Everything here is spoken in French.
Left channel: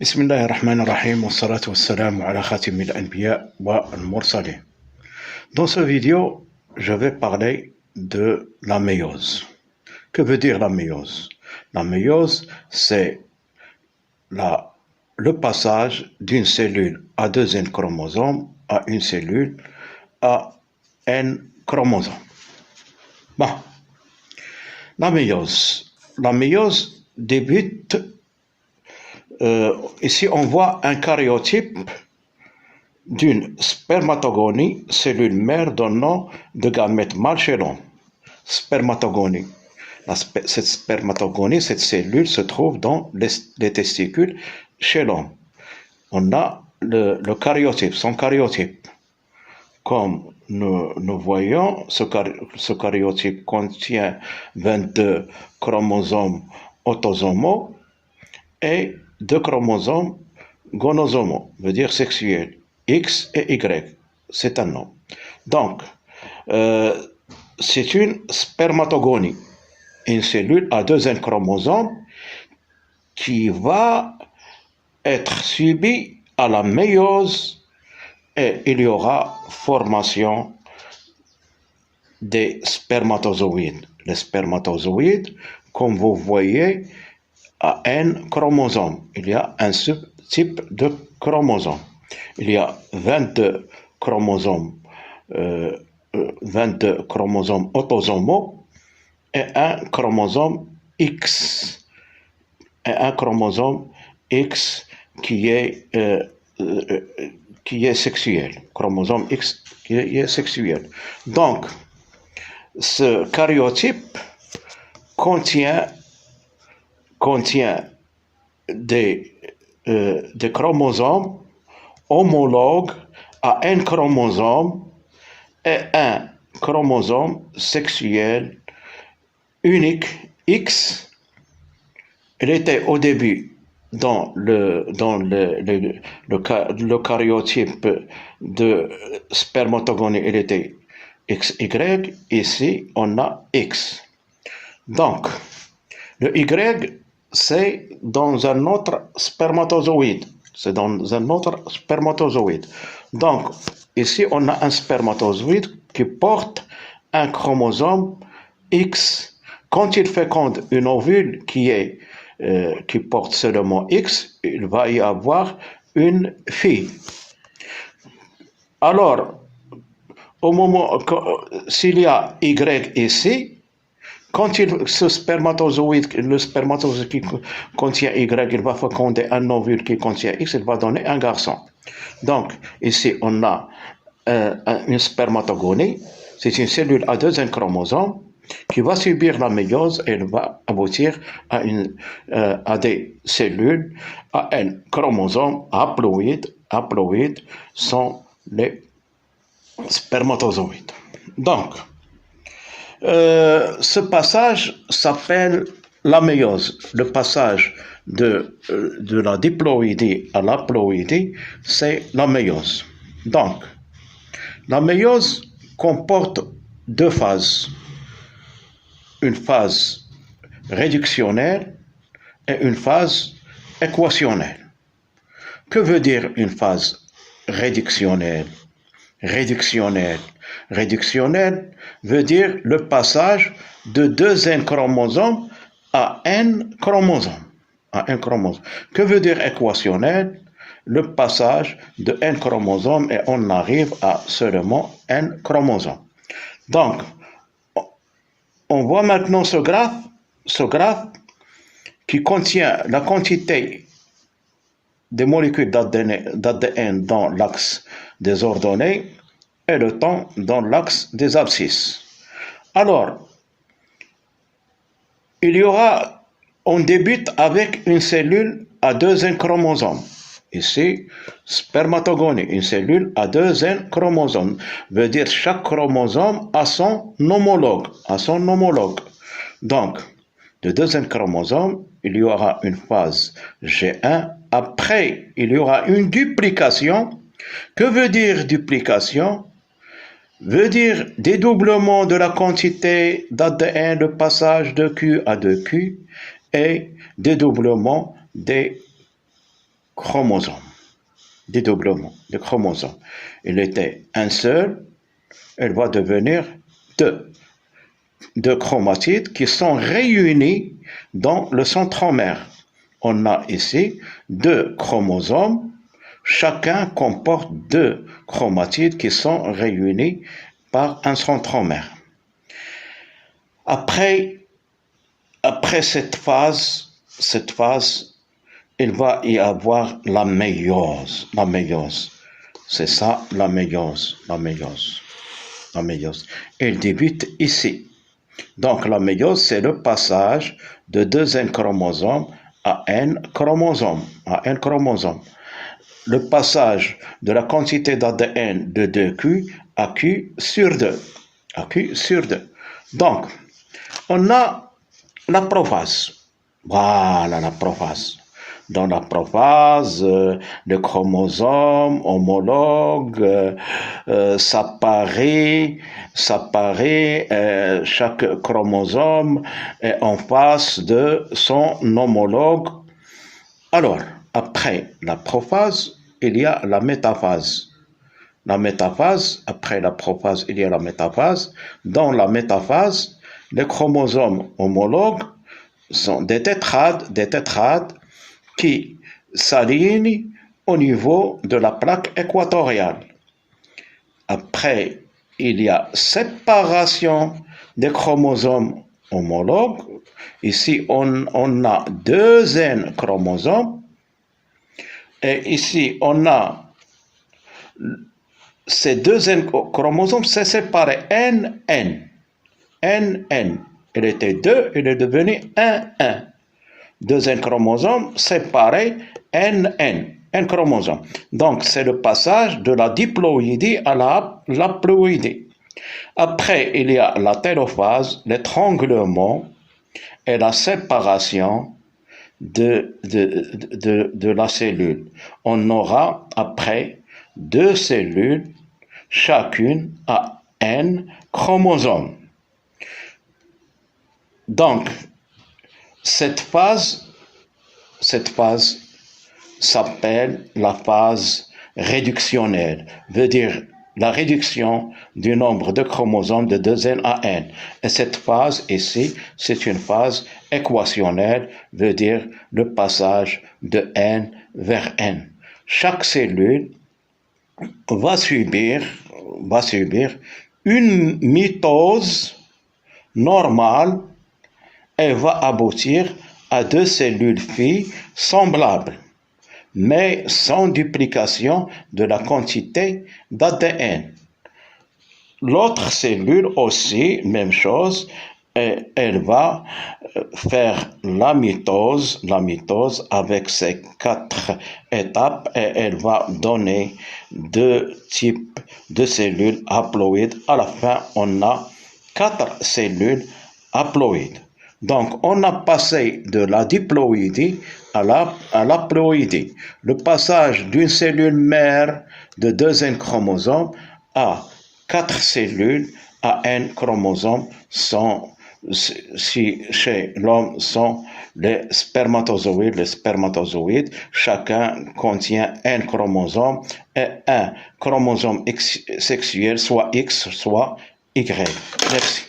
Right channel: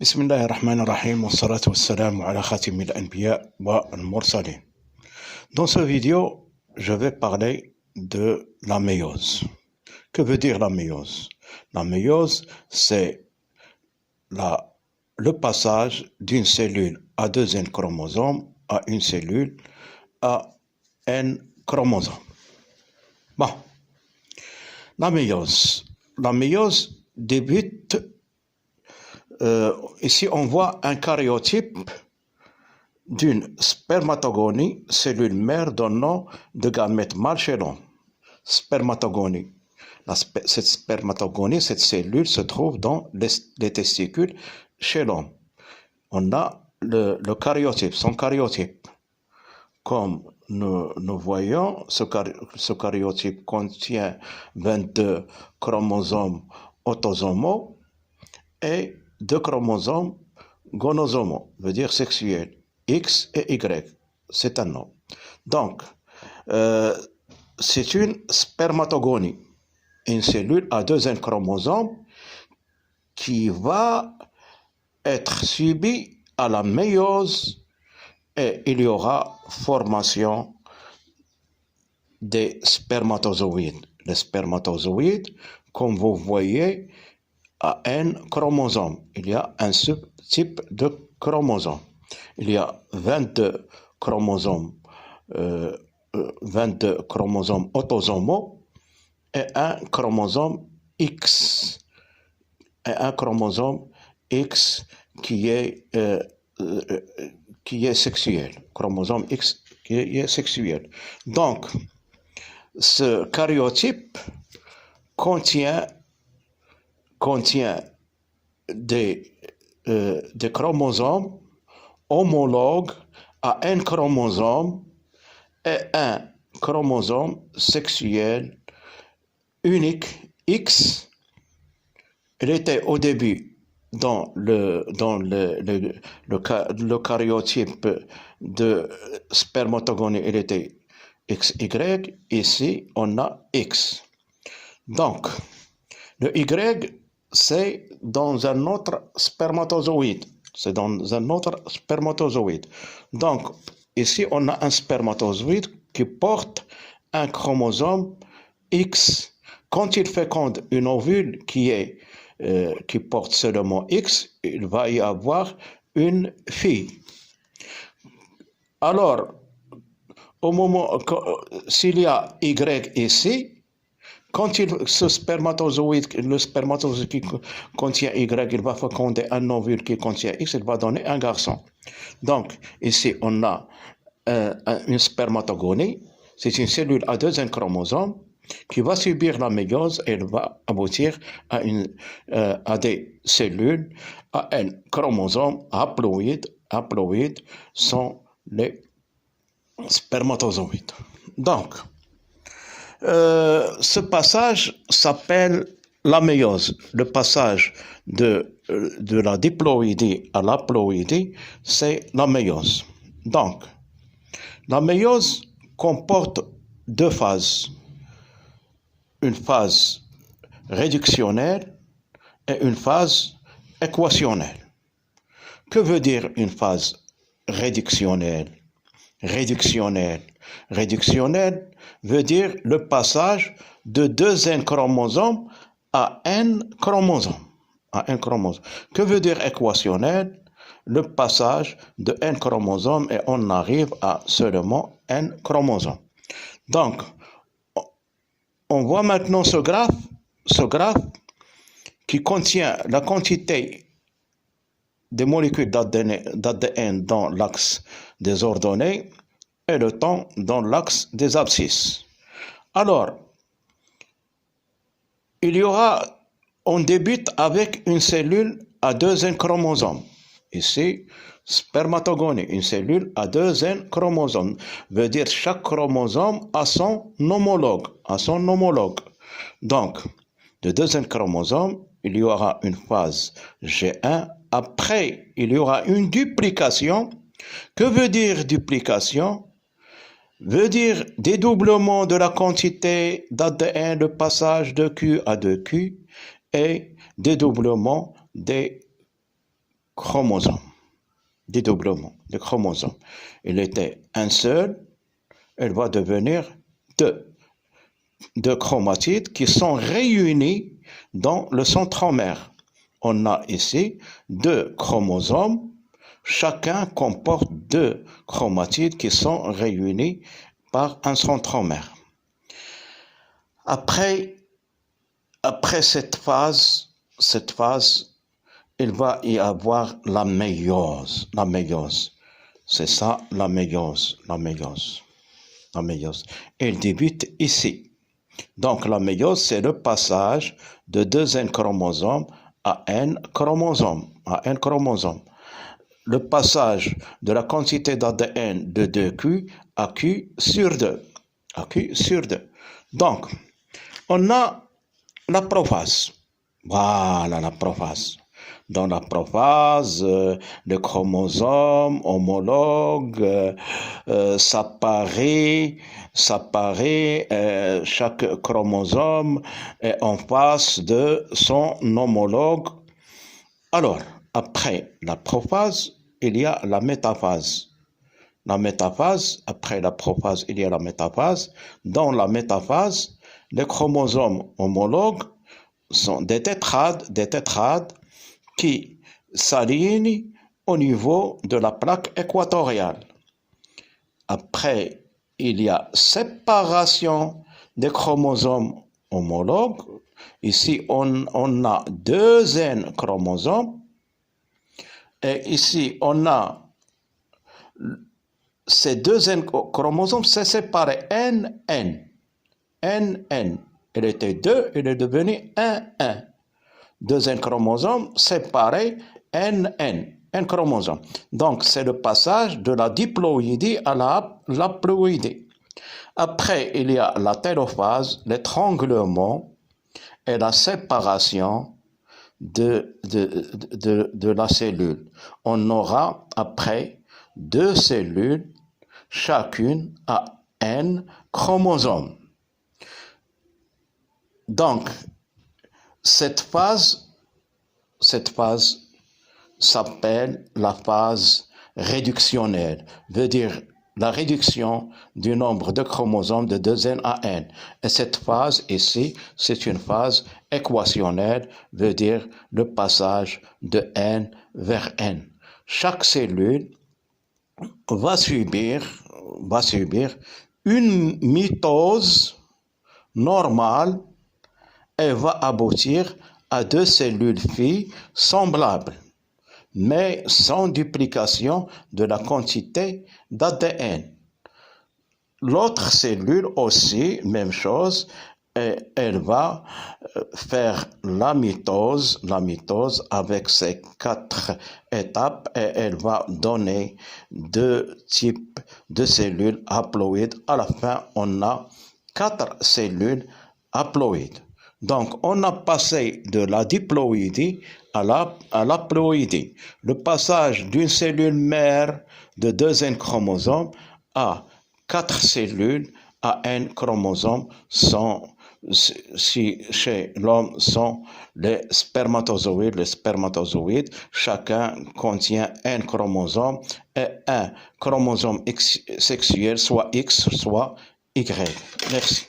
بسم الله الرحمن الرحيم والصلاة والسلام على خاتم الأنبياء والمرسلين. Dans cette vidéo, je vais parler de la méiose. Que veut dire la méiose? La méiose, c'est le passage d'une cellule à deux N chromosomes à une cellule à N chromosomes. Bon, la méiose débute. Ici, on voit un karyotype d'une spermatogonie, cellule mère donnant de gamètes mâles chez l'homme. Spermatogonie. Cette spermatogonie, cette cellule se trouve dans les testicules chez l'homme. On a le karyotype, son karyotype. Comme nous voyons, ce karyotype contient 22 chromosomes autosomaux et 2 chromosomes gonosomaux, veut dire sexuels, X et Y. C'est un nom. Donc, c'est une spermatogonie, une cellule à deux N chromosomes qui va être subie à la méiose et il y aura formation des spermatozoïdes. Les spermatozoïdes, comme vous voyez, à N chromosomes. Il y a un subtype de chromosomes. Il y a 22 chromosomes, 22 chromosomes autosomaux et un chromosome X. Et un chromosome X qui est sexuel. Chromosome X qui est sexuel. Donc, ce karyotype contient des chromosomes homologues à un chromosome et un chromosome sexuel unique X. Il était au début dans le karyotype de spermatogonie, il était XY. Ici, on a X. Donc, le Y, c'est dans un autre spermatozoïde. C'est dans un autre spermatozoïde. Donc, ici, on a un spermatozoïde qui porte un chromosome X. Quand il féconde une ovule qui porte seulement X, il va y avoir une fille. Alors, au moment, s'il y a Y ici, quand le spermatozoïde qui contient Y, il va féconder un ovule qui contient X, il va donner un garçon. Donc, ici, on a une spermatogonie. C'est une cellule à deux N chromosomes qui va subir la méiose et elle va aboutir à des cellules à N chromosomes haploïdes. Haploïdes sont les spermatozoïdes. Donc, ce passage s'appelle la méiose. Le passage de la diploïdie à l'haploïdie, c'est la méiose. Donc, la méiose comporte deux phases. Une phase réductionnelle et une phase équationnelle. Que veut dire une phase réductionnelle? Réductionnelle veut dire le passage de deux N chromosomes à N chromosomes. Que veut dire équationnel? Le passage de N chromosomes et on arrive à seulement N chromosomes. Donc, on voit maintenant ce graphe qui contient la quantité des molécules d'ADN dans l'axe des ordonnées et le temps dans l'axe des abscisses. Alors, on débute avec une cellule à deux N chromosomes. Ici, spermatogonie, une cellule à deux N chromosomes, veut dire chaque chromosome a son homologue. Donc, de deux N chromosomes, il y aura une phase G1. Après, il y aura une duplication. Que veut dire duplication? Veut dire dédoublement de la quantité d'ADN, le passage de Q à 2Q et dédoublement des chromosomes, dédoublement de chromosomes. Il était un seul, il va devenir deux chromatides qui sont réunis dans le centromère. On a ici deux chromosomes, chacun comporte deux chromatides qui sont réunis par un centromère. Après cette phase, il va y avoir la méiose. C'est ça, la méiose. Elle débute ici. Donc, la méiose, c'est le passage de deux N chromosomes à N chromosomes. Le passage de la quantité d'ADN de 2Q à Q sur 2. Donc, on a la prophase. Voilà la prophase. Dans la prophase, le chromosome homologue s'apparaît, chaque chromosome est en face de son homologue. Alors, après la prophase, il y a la métaphase. Après la prophase, il y a la métaphase. Dans la métaphase, les chromosomes homologues sont des tétrades qui s'alignent au niveau de la plaque équatoriale. Après, il y a séparation des chromosomes homologues. Ici, on a deux N chromosomes. Et ici, on a ces deux N chromosomes, c'est séparé N. Il était 2, il est devenu 1. Deuxième chromosome séparé N chromosomes. Donc, c'est le passage de la diploïdie à la haploïdie. Après, il y a la télophase, l'étranglement et la séparation de la cellule. On aura après deux cellules, chacune à N chromosomes. Donc, cette phase s'appelle la phase réductionnelle, veut dire la réduction du nombre de chromosomes de 2N à N. Et cette phase ici, c'est une phase équationnelle, veut dire le passage de N vers N. Chaque cellule va subir une mitose normale et va aboutir à deux cellules filles semblables, mais sans duplication de la quantité d'ADN. L'autre cellule aussi, même chose, elle va faire la mitose avec ses 4 étapes et elle va donner deux types de cellules haploïdes. À la fin, on a 4 cellules haploïdes. Donc, on a passé de la diploïdie à l'haploïdie. Le passage d'une cellule mère de 2 N chromosomes à 4 cellules à N chromosomes chez l'homme sont les spermatozoïdes. Les spermatozoïdes, chacun contient N chromosomes et un chromosome sexuel, soit X, soit Y. Merci.